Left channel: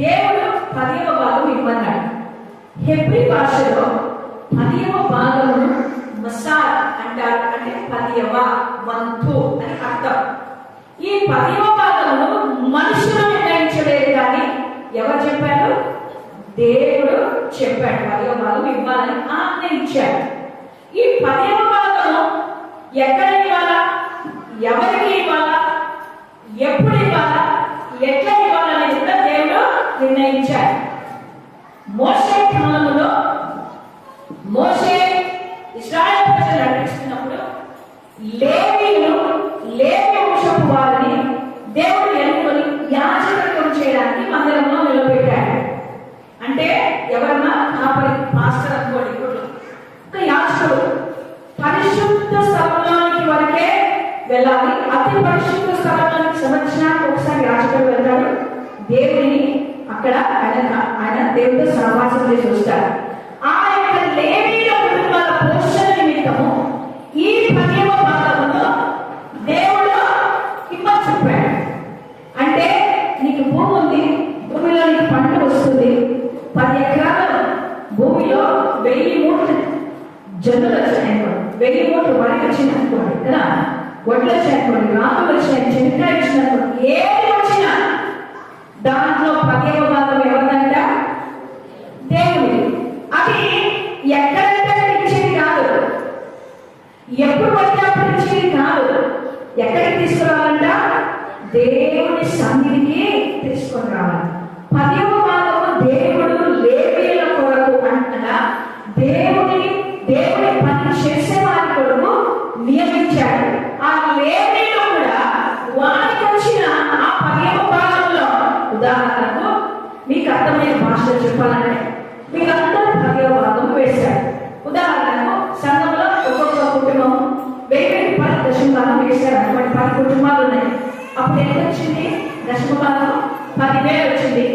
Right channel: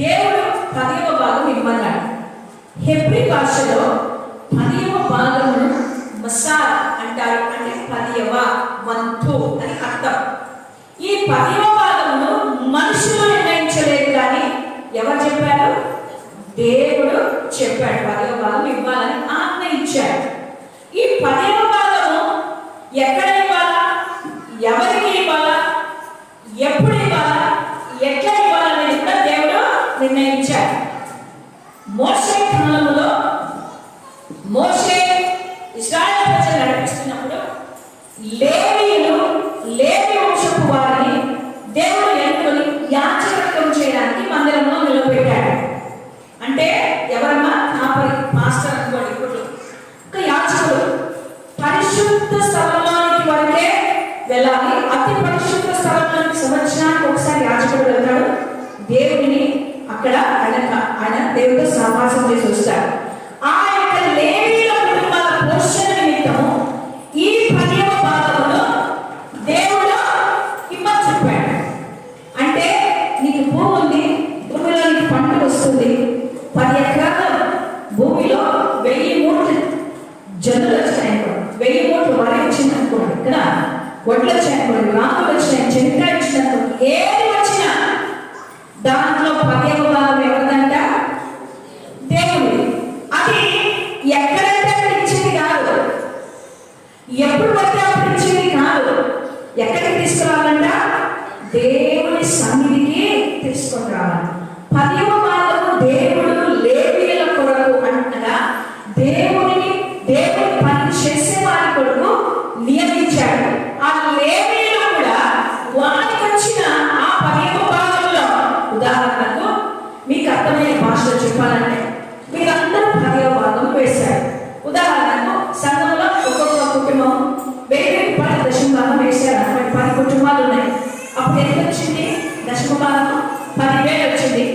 దేవుడు 10వ భాగం ఇవ్వన్నాడు. హెబ్రీ భాషలో 10వ భాగమును మసార్ అంటారు. అంటే 10వ వంతు అని అర్థం. ఈ 10వ భాగమును మనుషులు నిర్ణయించలేదు, కానీ ఎవరు చెప్పారు? దేవుడు చెప్పాడు 10వ భాగం ఇవ్వాలని ఆజ్ఞ ఇచ్చాడు. ఈ 10వ భాగము ఎక్కడ ఇవ్వాలా, ఎవరికి ఇవ్వాలా, ఎప్పుడు ఇవ్వాలా, ఎట్లా ఇవ్వాలనేది కూడా దేవుడు నిర్ణయించాడు. మోషే కాలంలో మోషే ఇశ్రాయేలు ప్రజలు నడిపిస్తున్నప్పుడు లేవి వంశపు వారిని దేవుడు ఎన్నుకొని యాజకత్వం చేయడానికి మందిరంలో నిలబెట్టాడు. అంటే ఎవరన్నా కాపరి, మాస్టర్ అనుకోండి. ఇప్పుడు ఒక యాజకుడు పరిశుద్ధ స్థలంలోనికి వరకే వెళ్ళాలి. అతి పరిశుద్ధ స్థలంలోనికి సంవత్సరానికి ఒకసారి యాజకుడు వెళ్తాడు. దేవుడిని అక్కడ ఆయన దేవుడితో సహవాసం చేసి వస్తాడు. ఆ యొక్క లేవీల కుటుంబాల పోషణ నిమిత్తము ఈ 10వ భాగంలో దేవుడు ఇవ్వని చెప్పాడు. అంటే నీకు భూమి ఉంది, భూమిలో నీకు పంట వస్తుంది. 10 ఎకరాల భూమిలో 1000 మూటలు జనులు వచ్చాయనుకోండి, 1000 మూటలు వరి వచ్చిందనుకోండి, ఇక్కడ వడ్లు వచ్చాయనుకోండి, రాకులు వచ్చినాయి, చెనిక్కాయ వచ్చిందనుకోండి, ఏది వచ్చినా దాంట్లో 10వ భాగం ఎవరిదంట? దేవుడి. అది ఎక్కడంటే ఇచ్చేది కాదు, ఎప్పుడు పడితే అప్పుడు ఇచ్చేది కాదు. ఎక్కడికి తీసుకురావాలంట? దేవుడి సన్నిధికి తీసుకొని రావాలి. 10వ భాగము దేవుడు లేవీయుల కొరకు అంటగా దేవుడి పని చేసే వారి కొరకు నియమించాడు. ఆ లేవీయులు కూడా వారికి వచ్చిన ఆ 10వ భాగంలో, ఉదాహరణకు మీకు అర్థమైన భాషలో చెప్పాలంటే మీరందరూ 10వ భాగం వేశారు. ఉదాహరణకు సంఘంలో ఒక్కొక్క కుటుంబం 1000 రూపాయల దశమ భాగం వేశారు. అటువంటి 10 కుటుంబాలు ఉన్నాయి. అప్పుడు ఎంత వచ్చింది? దశమ భాగం 10,000 వచ్చింది.